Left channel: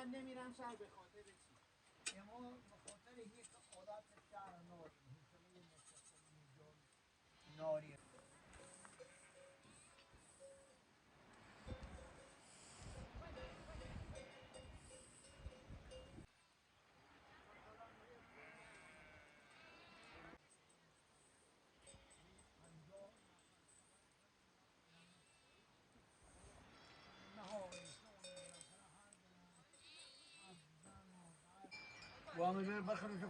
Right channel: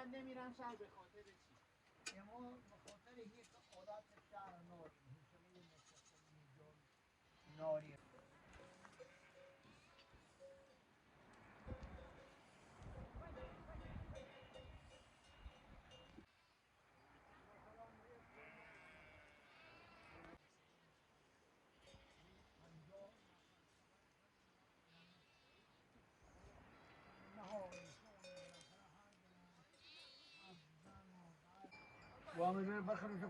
من نمیرم شهر به خاطر چی؟ اما به خاطر یک عادت شهر ناری حوصله نشستن ناری وامه بر بخره شو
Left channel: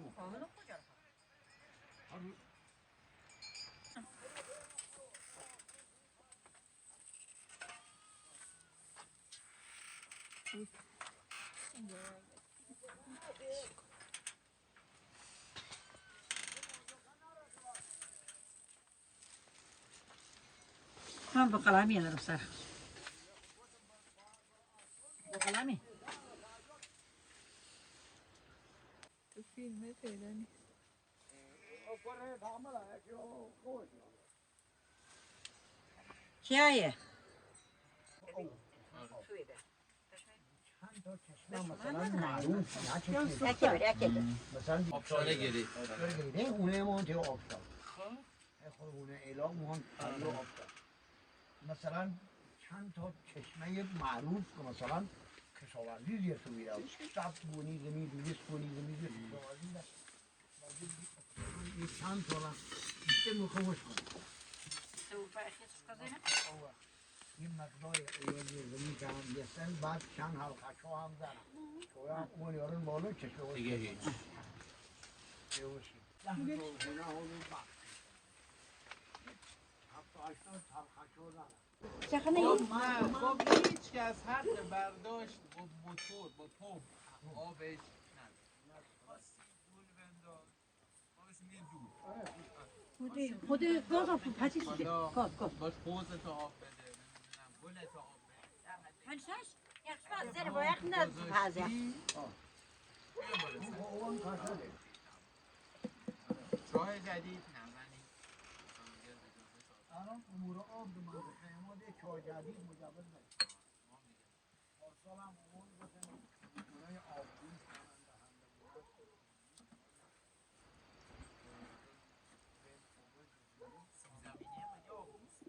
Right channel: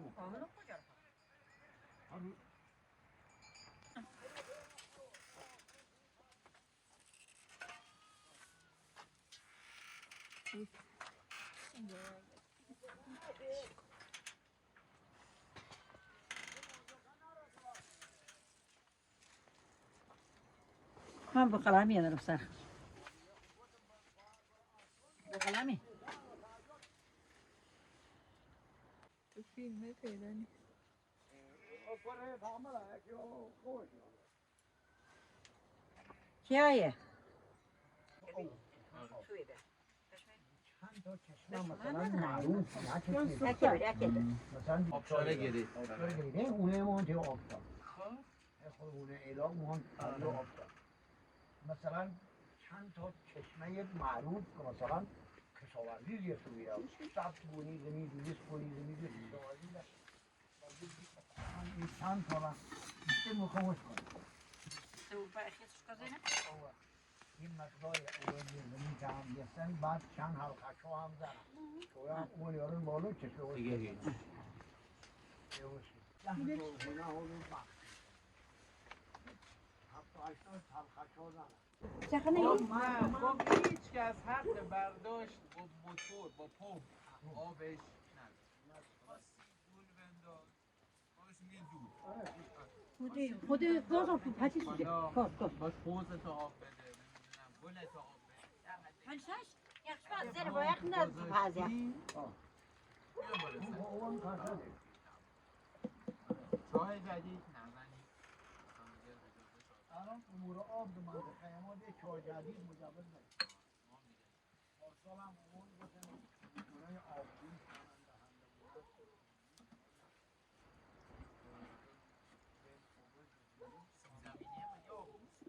من بقلمی ندارم سر بقلمی تو فیلمه پیدا نیست. کیه؟ مثلا معروف یکی بر یکی مثلا آبشاره گری گریده اونه ما تو آبشار اونه اعلام ما مثلا چند تا چشمه معروف مثلا کشاورزی زیاد میره شب کنی زمین دویست کنی زمین این چند تا را بیشتر مخوش کنی این مقدار اول زمین که هم گستن بعد چند هم کچا هم زن شویا اون یارون بالا چشمه دیگه هیچ چخه نگی؟ نه خب هیچ کس حق برداشت با موتور با پمپ آبش نداره خاصی گل بنداز آبش میگه دور خود گاز هم تو پچی سیده گاز باش حوزتو آب بده نمیدونم گلتو آب بده پنجتاش؟ یخش زیر با یخ نداره تو پازه چای جدید نزنی الان امور آب به منطقه ما ده چای جدید مجوز نیست پارسال هم امور بکنیم برای آبگون زمینی هم مگه آب نیست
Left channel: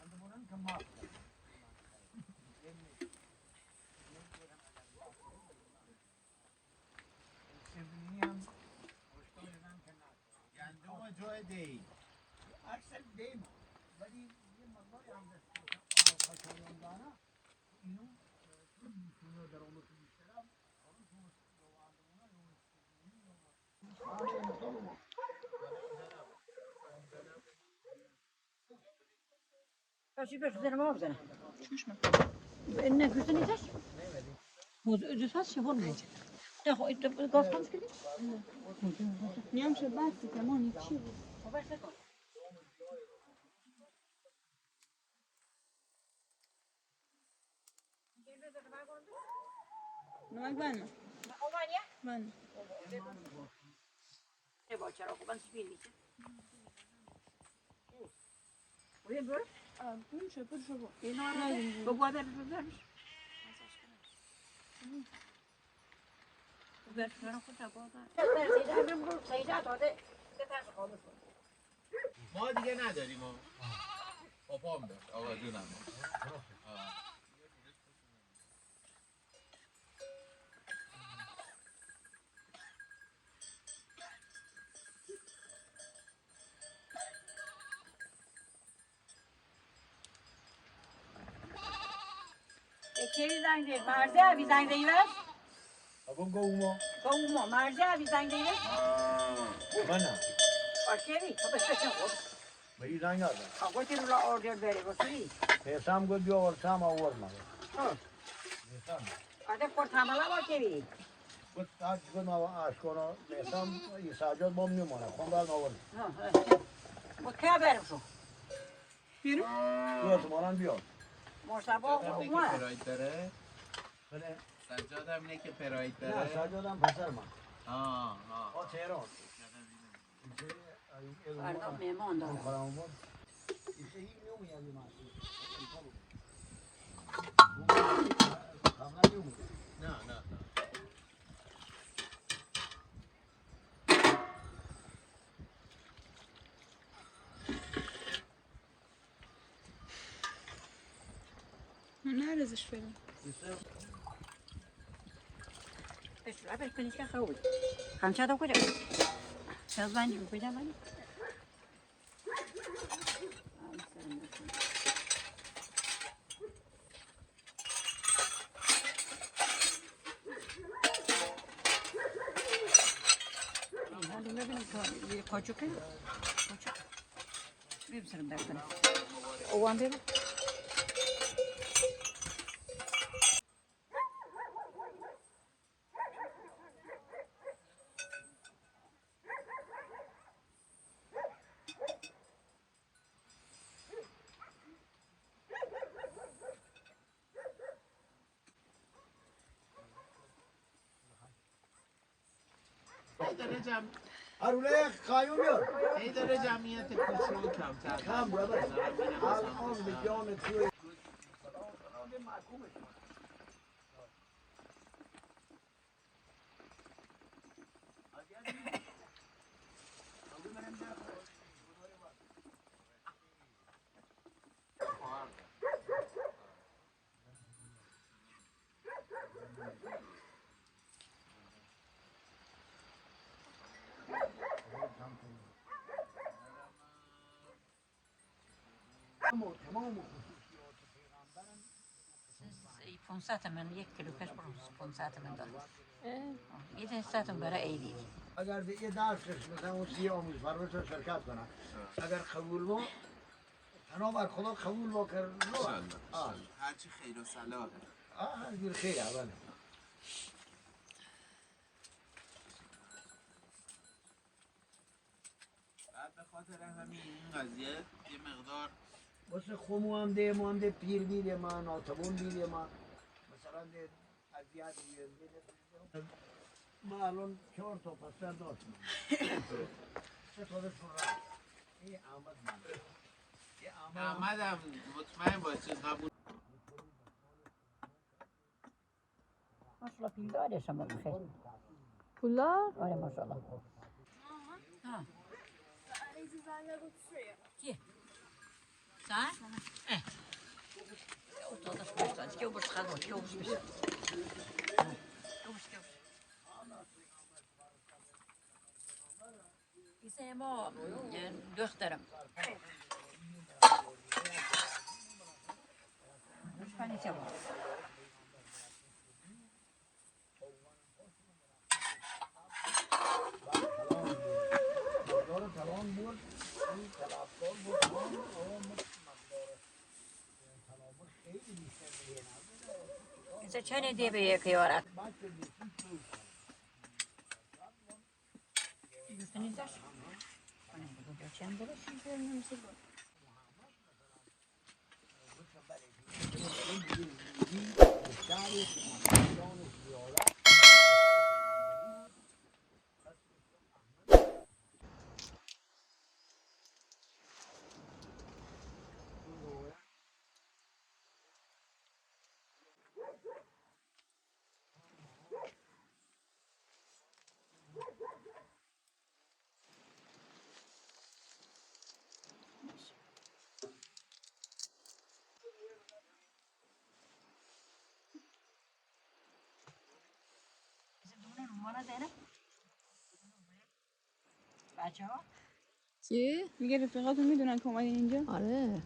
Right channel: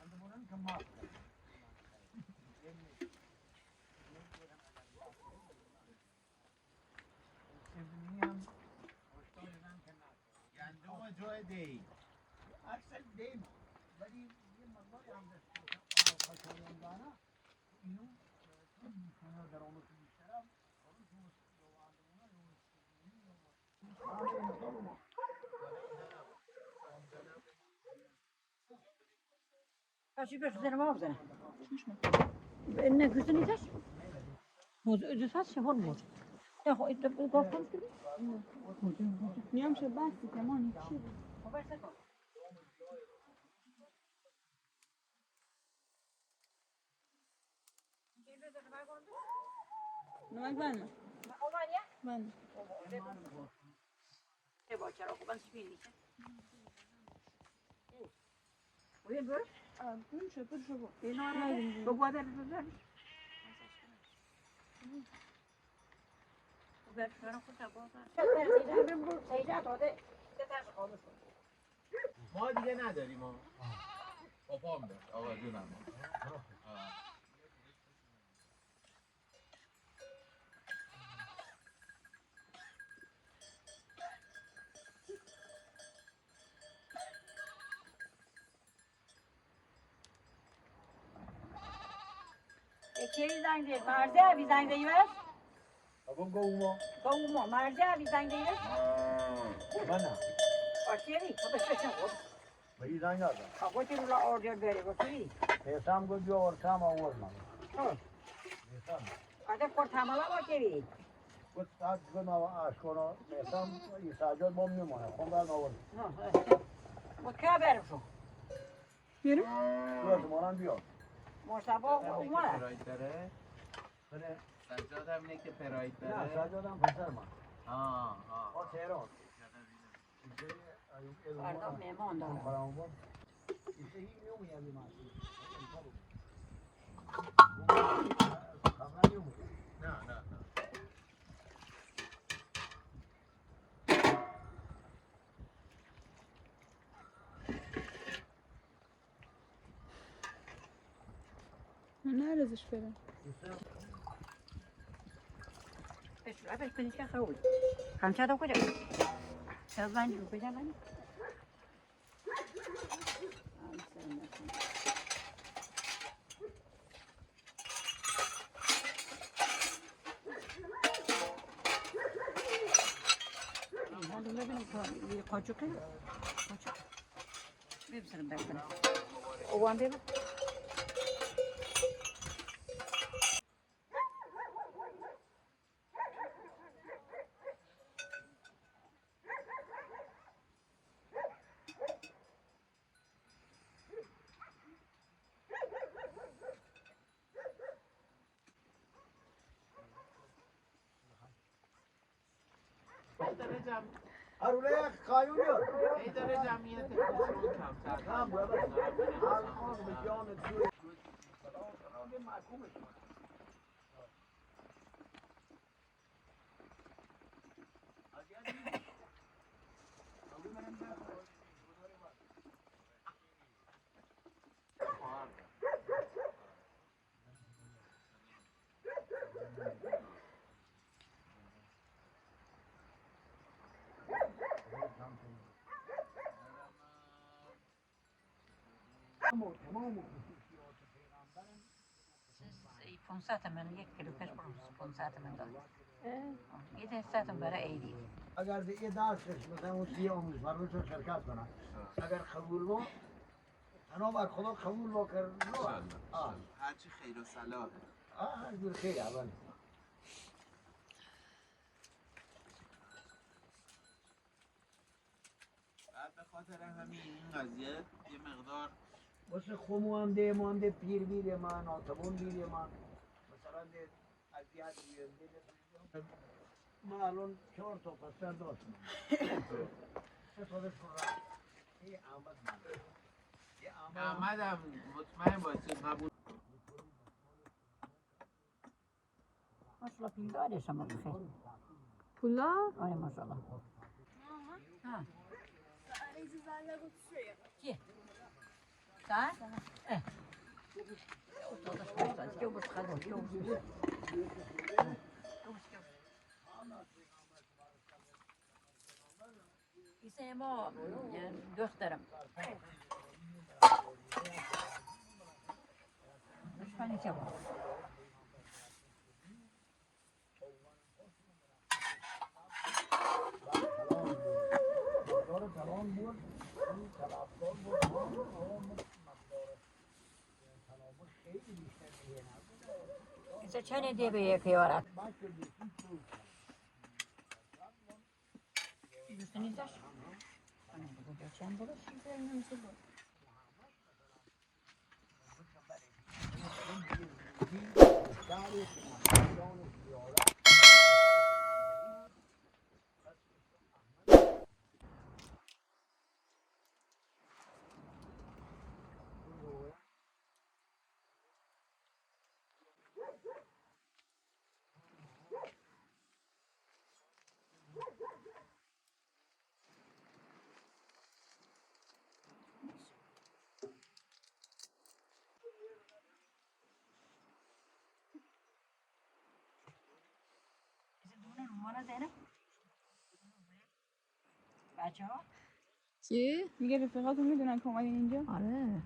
عندمون که ما سومی هم گندم و جای دی اکثر دیم ولی یه مقدار انگشت خاکیان داره اینو چون میتونه درآمد بیشتر است حالا شما پچی بهش زیر ما بزنه نه گوشت نیستش؟ دوست هست شهر بود نه خب این گاز خاموش کردی؟ نیام شد بحثی که مانی چی؟ نمک بنده اومانیه؟ بنده نه با چرا خوبان سپید نیست بودیم برو؟ اون شد پر شد اینا ندیم بگو آده بگو برش ما دیگه نداریم ما پاپام داشت آقا جونم کی زنگ زد مرزه ابی زنگ زدی بس اون گوما با مرزه ابی زنگ زدی بس منه آکی خب بس خب به این زنگ آدم آقا تی رو اوردر بره بسوی پیسام گل بیا ورسام آورد من بعد کورت حمله با کی گفت از گل ما آشکارا پیسام ایساجات بام میمونه خواندن آورد با کی برم شو بیرو؟ روز مانم بیا مرتبا اومد پراید داره بله سجاد هم اینه که پراید نه داره ساجادم پسر من تهران فردا مهمان دارم işte iyi mi yani nasıl? نه نه نه ارزش بدم بس عبر كنيسة خوي هم شادو كده شادواني وكده ماني هذا ما بين كوچو كده كوچو بيبسرم دكتور وان بيبو هرونه قایونیه ای داره جمعیت کوچولو کمتر هم برادر الان به جان توی تمام خصوصیات پیغمبرم 500 من 1 کیلو کش 500 من دارم یه دستاتون برای عیدی اگر دیگه درسش مثلا اون 30 امیدوار رو شرکت کنم اگر قبول بود تنها بر خدا قبول با کرد هرچی خیر و صلاحه دیر خیر اول بعد به خاطر همین این قضیه یه مقدار واسه خمو هم ده مانده پیر بیده من آتبون بیده من مثلا ده اذیت بیده ما الان 4 تا پسر داشتم 3 تا داشتم این احمدم مطمئن باشه قبول ماشاءالله پیر داره شما بخیر پولا آره ماشاءالله ها چیه؟ ساعت؟ اه اوتادش başladı. Ki o çıkardı. Ki o çıkmış. İşte ما دخترم. Düşman içe var. İşte çene diye bir yakıyorlar. Üstüne izler. Bu geçen bir numara dene. بچه ها؟ چه؟ میگه رفیقاتون میدونن که اومدین اینجا؟ آره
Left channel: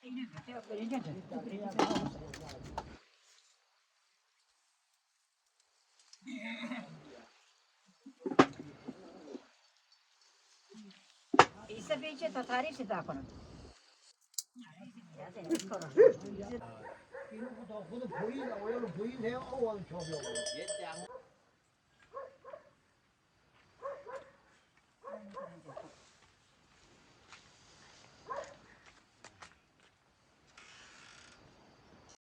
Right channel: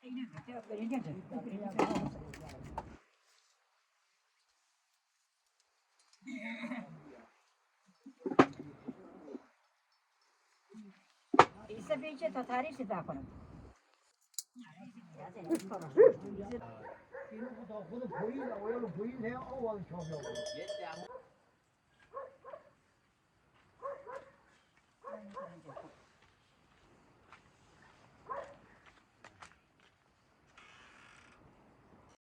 اینه بیا بریم ایسا بیچه تا تعریف تا کنم اینو خدا خود پویل آویل پویل هم آوان چابه